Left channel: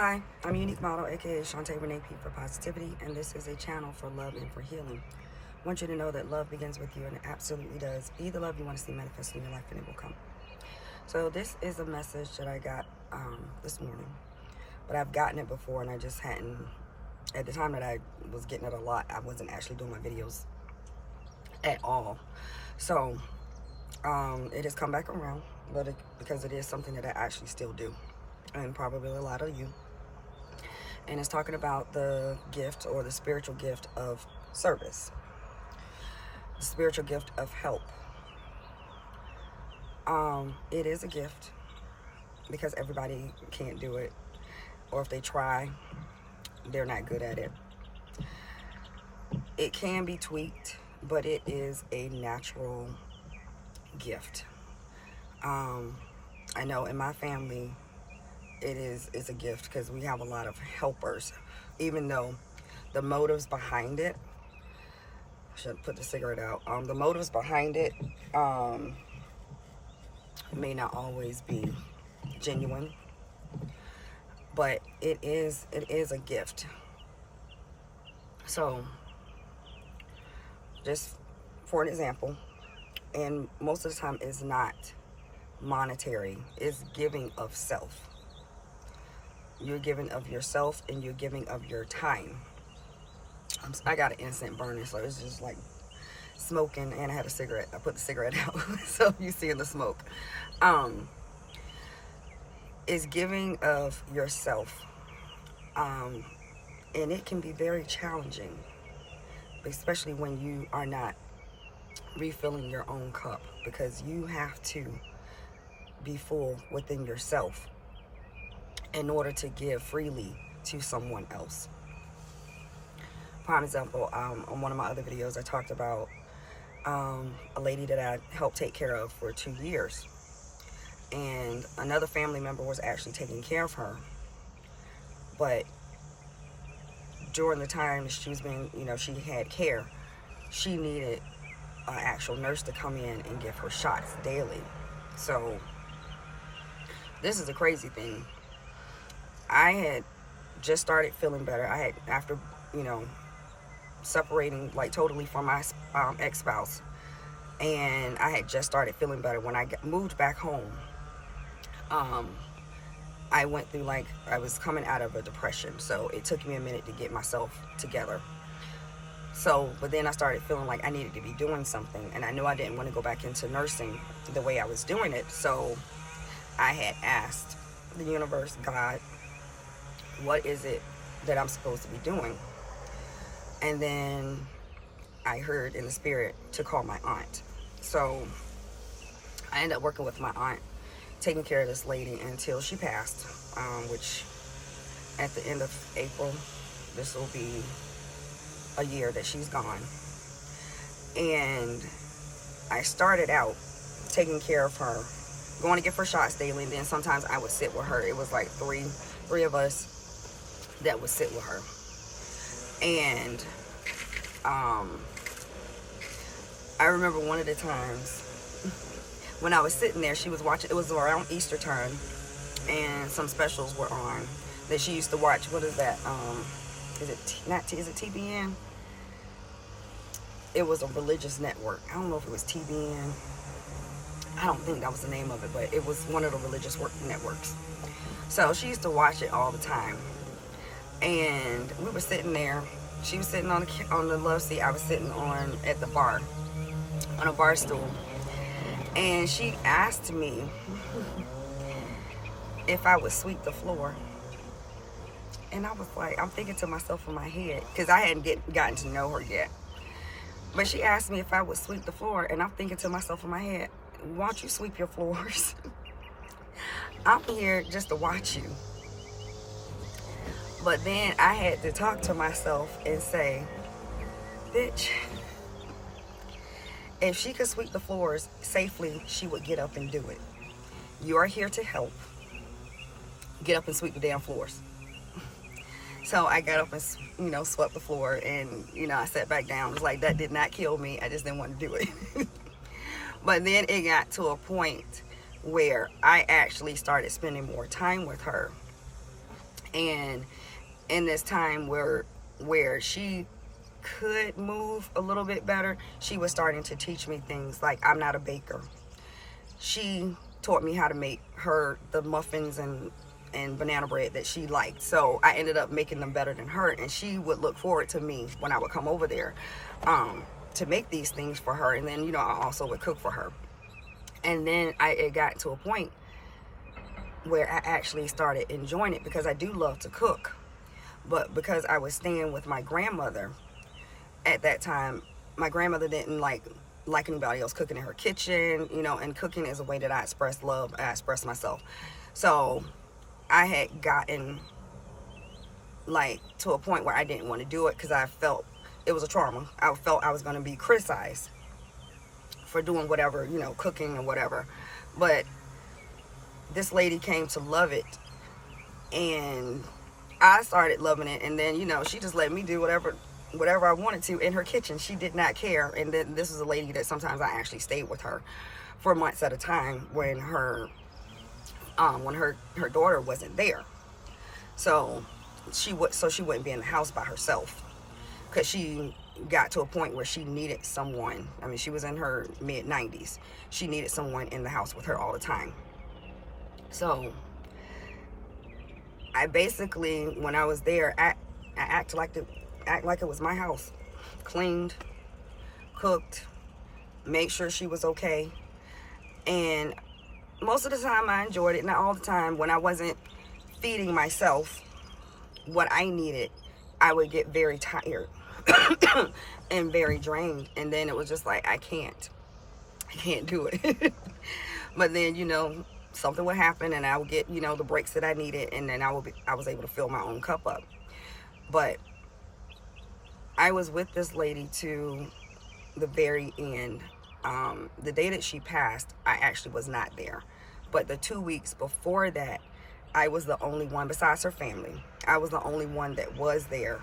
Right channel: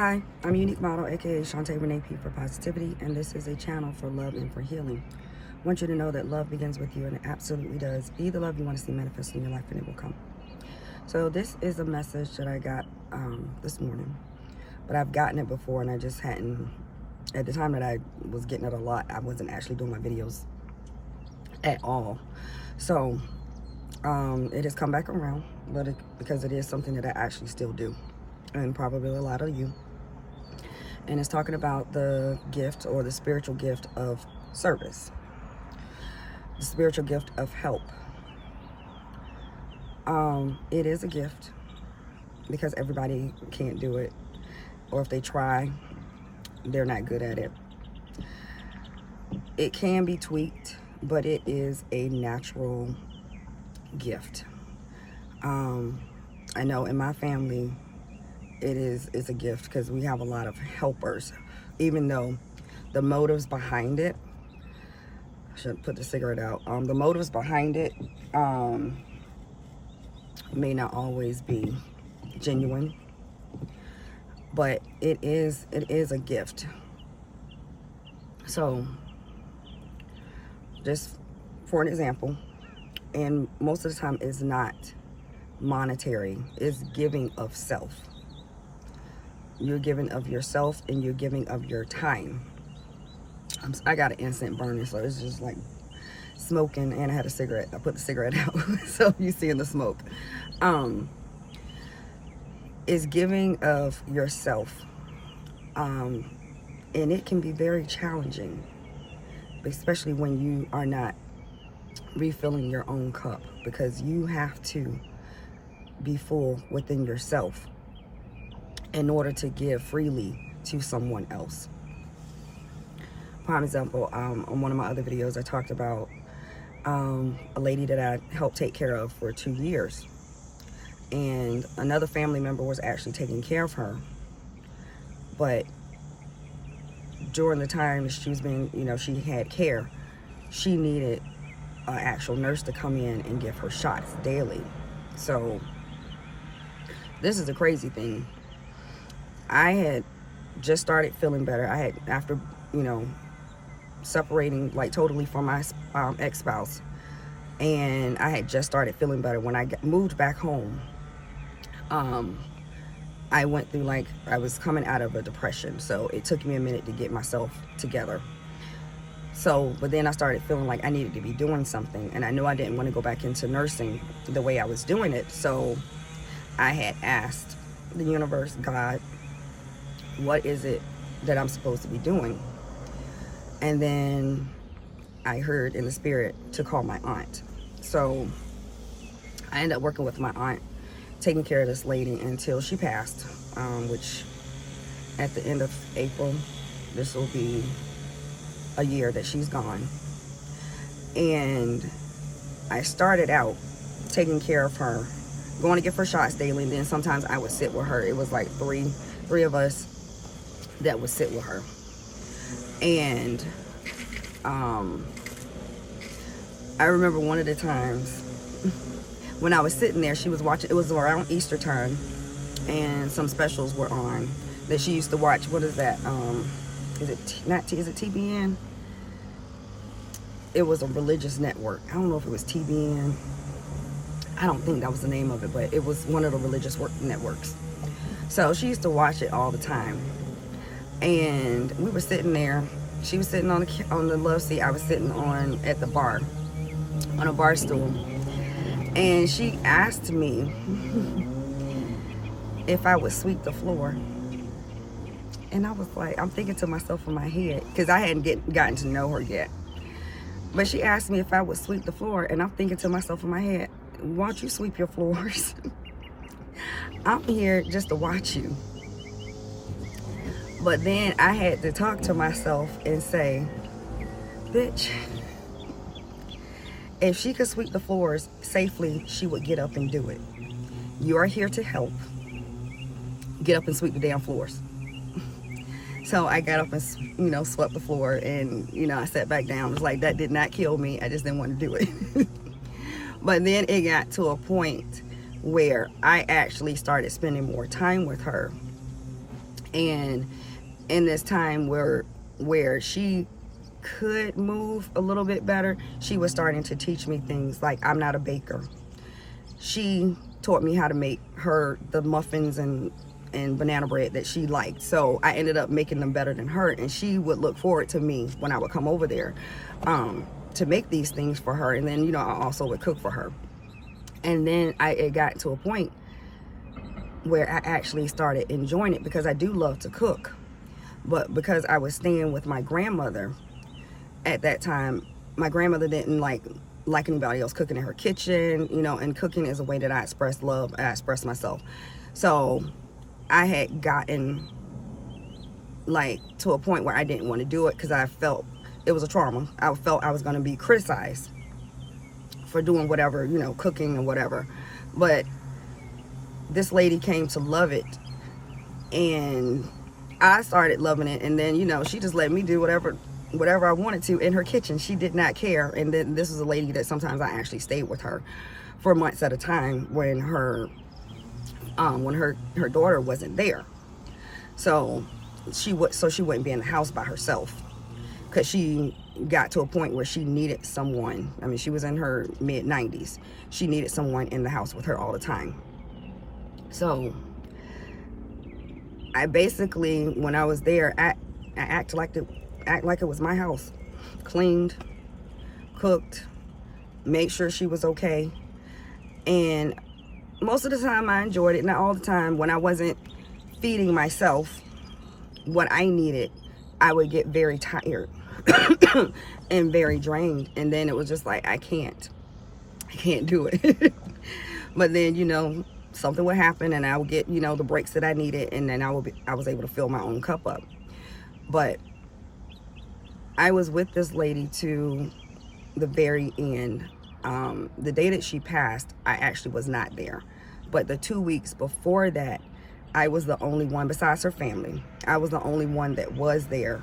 Hi, I'm Unique Model, aka Shantae Renee P for Positivity, and this is a channel for love and for healing. I want you to know that love begins with you, and it absolutely does. Be the love you want to see manifest in your life, and it will come. So this is a message that I got this morning, but I've gotten it before, and I just hadn't. At the time that I was getting it a lot, I wasn't actually doing my videos at all. So it has come back around, but because it is something that I actually still do, and probably a lot of you. And it's talking about the gift or the spiritual gift of service, the spiritual gift of help. It is a gift because everybody can't do it, or if they try, they're not good at it. It can be tweaked, but it is a natural gift. I know in my family, it's a gift because we have a lot of helpers, even though the motives behind it, I should put the cigarette out, the motives behind it may not always be genuine, but it is a gift. So just for an example, and most of the time it's not monetary, it's giving of self. You're giving of yourself, and you're giving of your time. I got an instant burner, so it's just like smoking, and I had a cigarette. I put the cigarette out, so you seeing the smoke. Is giving of yourself, and it can be very challenging, especially when you are not refilling your own cup, because you have to be full within yourself in order to give freely to someone else. Prime example, on one of my other videos, I talked about a lady that I helped take care of for 2 years, and another family member was actually taking care of her, but during the time she was being, she had care, she needed an actual nurse to come in and give her shots daily. So this is the crazy thing. I had just started feeling better. I had, after, separating like totally from my ex-spouse, and I had just started feeling better. When I moved back home, I went through, like, I was coming out of a depression, so it took me a minute to get myself together. So, but then I started feeling like I needed to be doing something, and I knew I didn't want to go back into nursing the way I was doing it. So I had asked the universe, God, what is it that I'm supposed to be doing? And then I heard in the spirit to call my aunt. So I ended up working with my aunt, taking care of this lady until she passed, which at the end of April, this will be a year that she's gone. And I started out taking care of her, going to give her shots daily, and then sometimes I would sit with her. It was like three of us that would sit with her. And I remember one of the times when I was sitting there, she was watching, it was around Easter time, and some specials were on that she used to watch. What is that? Is it TBN? It was a religious network. I don't know if it was TBN. I don't think that was the name of it, but it was one of the religious networks. So she used to watch it all the time. And we were sitting there. She was sitting on the love seat. I was sitting at the bar, on a bar stool. And she asked me if I would sweep the floor. And I was like, I'm thinking to myself in my head, because I hadn't gotten to know her yet. But she asked me if I would sweep the floor, and I'm thinking to myself in my head, why don't you sweep your floors? I'm here just to watch you. But then I had to talk to myself and say, bitch, if she could sweep the floors safely, she would get up and do it. You are here to help. Get up and sweep the damn floors. So I got up and, swept the floor, and, I sat back down. It was like, that did not kill me. I just didn't want to do it. But then it got to a point where I actually started spending more time with her. And in this time where she could move a little bit better, she was starting to teach me things like, I'm not a baker. She taught me how to make her the muffins and banana bread that she liked. So I ended up making them better than her, and she would look forward to me when I would come over there to make these things for her. And then, you know, I also would cook for her. And then it got to a point where I actually started enjoying it, because I do love to cook. But because I was staying with my grandmother at that time, my grandmother didn't like anybody else cooking in her kitchen, you know, and cooking is a way that I express love, I express myself. So I had gotten like to a point where I didn't want to do it, because I felt it was a trauma. I felt I was going to be criticized for doing whatever, you know, cooking and whatever. But this lady came to love it, and I started loving it. And then, you know, she just let me do whatever I wanted to in her kitchen. She did not care. And then this is a lady that sometimes I actually stayed with her for months at a time when her daughter wasn't there. So she wouldn't be in the house by herself, because she got to a point where she needed someone. I mean, she was in her mid-90s. She needed someone in the house with her all the time. So I basically, when I was there, I act like it was my house. Cleaned, cooked, made sure she was okay. And most of the time I enjoyed it. Not all the time. When I wasn't feeding myself what I needed, I would get very tired and very drained. And then it was just like, I can't do it. But then, you know, something would happen and I would get, you know, the breaks that I needed, and then I was able to fill my own cup up. But I was with this lady to the very end. The day that she passed, I actually was not there. But the 2 weeks before that, I was the only one, besides her family, I was the only one that was there.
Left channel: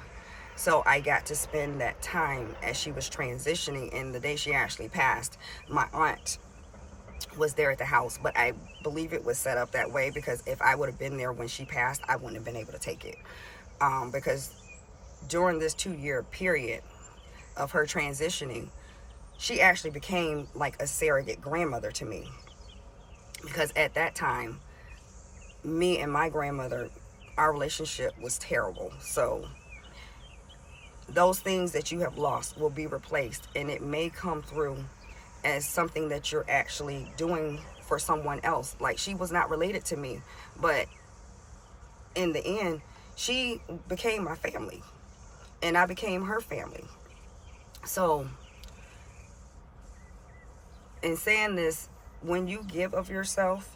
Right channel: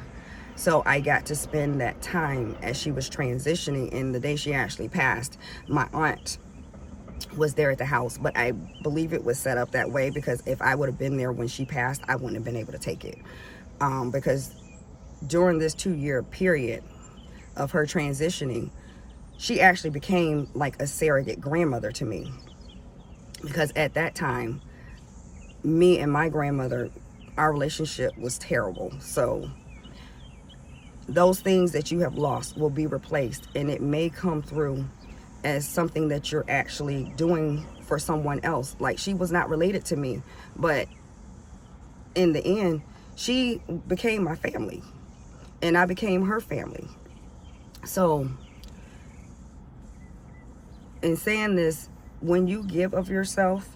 So I got to spend that time as she was transitioning. And the day she actually passed, my aunt was there at the house. But I believe it was set up that way, because if I would have been there when she passed, I wouldn't have been able to take it. Because during this 2-year period of her transitioning, she actually became like a surrogate grandmother to me. Because at that time, me and my grandmother, our relationship was terrible. So those things that you have lost will be replaced, and it may come through as something that you're actually doing for someone else. Like, she was not related to me, but in the end, she became my family, and I became her family. So in saying this, when you give of yourself,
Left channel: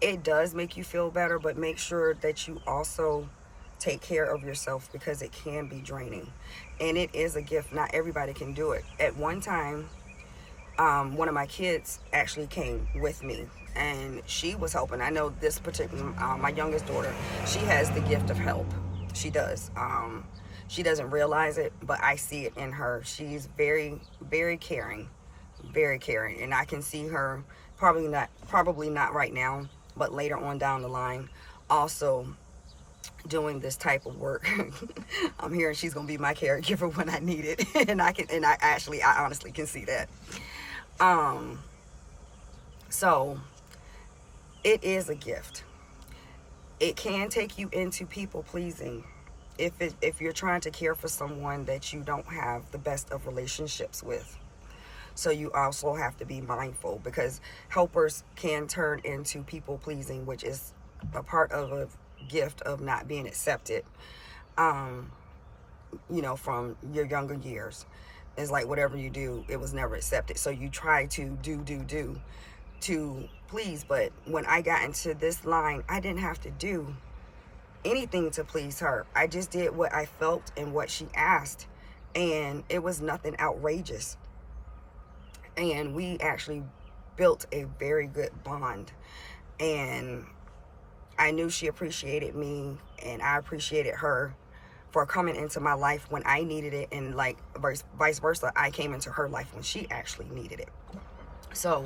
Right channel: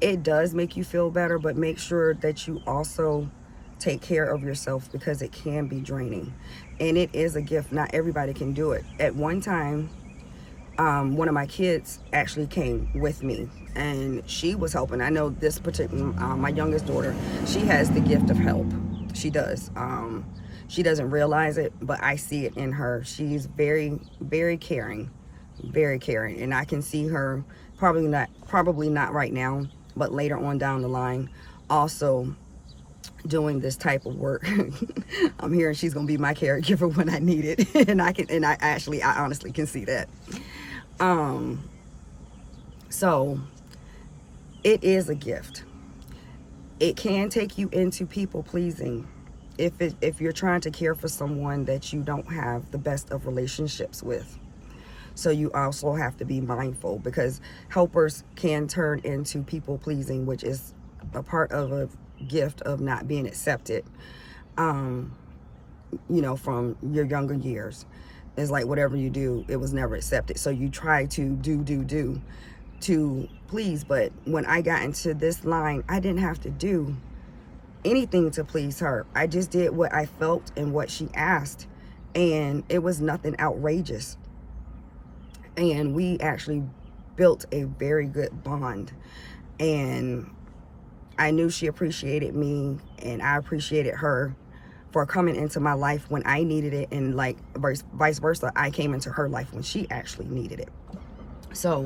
it does make you feel better, but make sure that you also take care of yourself, because it can be draining, and it is a gift. Not everybody can do it. At one time, one of my kids actually came with me, and she was helping. I know this particular, my youngest daughter, she has the gift of help. She does. She doesn't realize it, but I see it in her. She's very, very caring, and I can see her probably not right now, but later on down the line, also doing this type of work. I'm hearing she's gonna be my caregiver when I need it, and I honestly can see that. So it is a gift. It can take you into people pleasing if you're trying to care for someone that you don't have the best of relationships with. So you also have to be mindful, because helpers can turn into people pleasing, which is a part of a gift of not being accepted, you know, from your younger years. It's like whatever you do, it was never accepted. So you try to do to please. But when I got into this line, I didn't have to do anything to please her. I just did what I felt and what she asked, and it was nothing outrageous. And we actually built a very good bond, and I knew she appreciated me, and I appreciated her for coming into my life when I needed it, and like vice versa, I came into her life when she actually needed it. So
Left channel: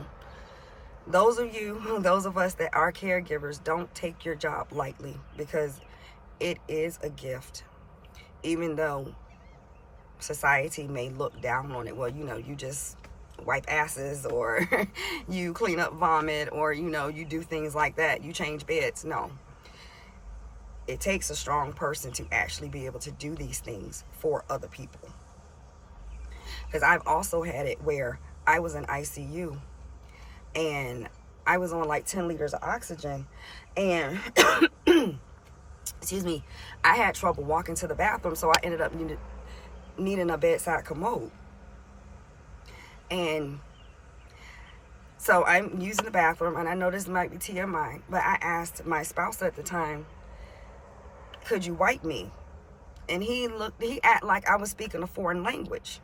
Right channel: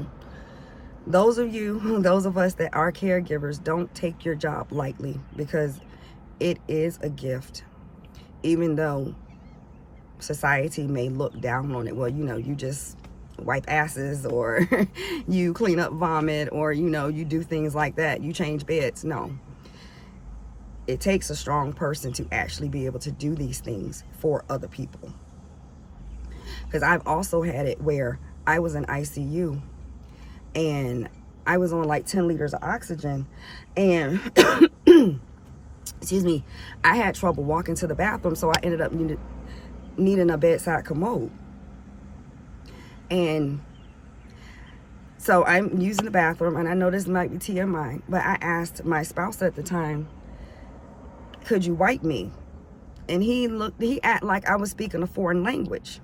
those of us that are caregivers, don't take your job lightly, because it is a gift. Even though society may look down on it, well, you know, you just wipe asses, or you clean up vomit, or, you know, you do things like that, you change beds. No, it takes a strong person to actually be able to do these things for other people. Because I've also had it where I was in ICU and I was on like 10 liters of oxygen, and excuse me, I had trouble walking to the bathroom, so I ended up needing a bedside commode. And so I'm using the bathroom, and I know this might be TMI, but I asked my spouse at the time, could you wipe me? And he acted like I was speaking a foreign language.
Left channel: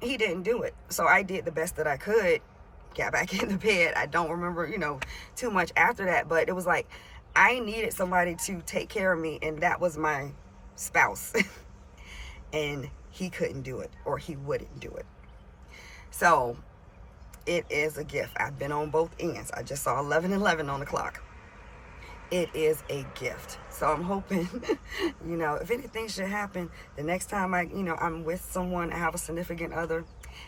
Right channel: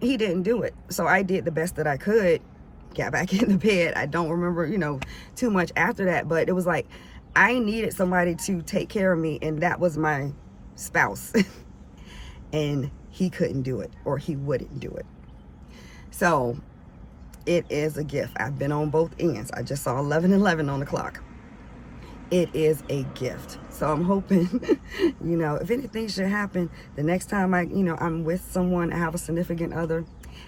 He didn't do it. So I did the best that I could, got back in the bed. I don't remember, you know, too much after that, but it was like I needed somebody to take care of me, and that was my spouse. And he couldn't do it, or he wouldn't do it. So it is a gift. I've been on both ends. I just saw 11:11 on the clock. It is a gift. So I'm hoping, you know, if anything should happen, the next time I'm with someone, I have a significant other,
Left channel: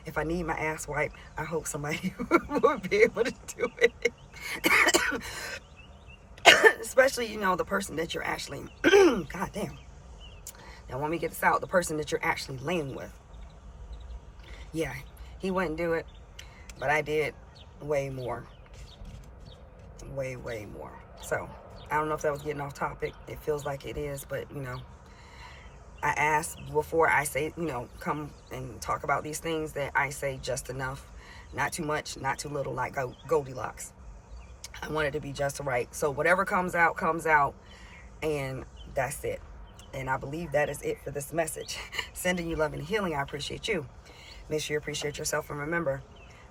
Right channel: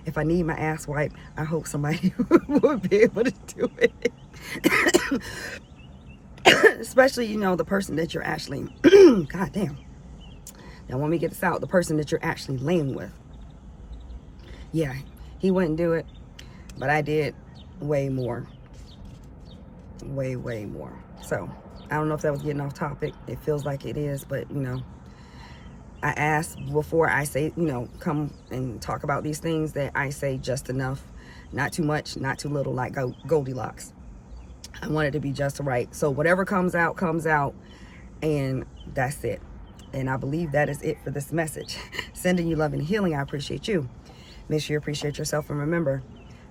if I need my ass wiped, I hope somebody would be able to do it. Especially, you know, the person that you're actually, God damn. Now, when we get this out, the person that you're actually laying with. Yeah, he wouldn't do it, but I did way more. Way more. So, I don't know if that was getting off topic. It feels like it is, but, you know, I ask before I say, you know, come and talk about these things, that I say just enough. Not too much, not too little, like Goldilocks. I want it to be just right. So whatever comes out, and that's it. And I believe that is it for this message. Sending you love and healing. I appreciate you. Make sure you appreciate yourself, and remember,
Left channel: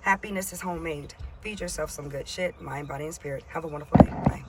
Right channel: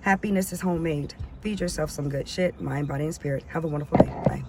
happiness is homemade. Feed yourself some good shit, mind, body, and spirit. Have a wonderful day. Bye.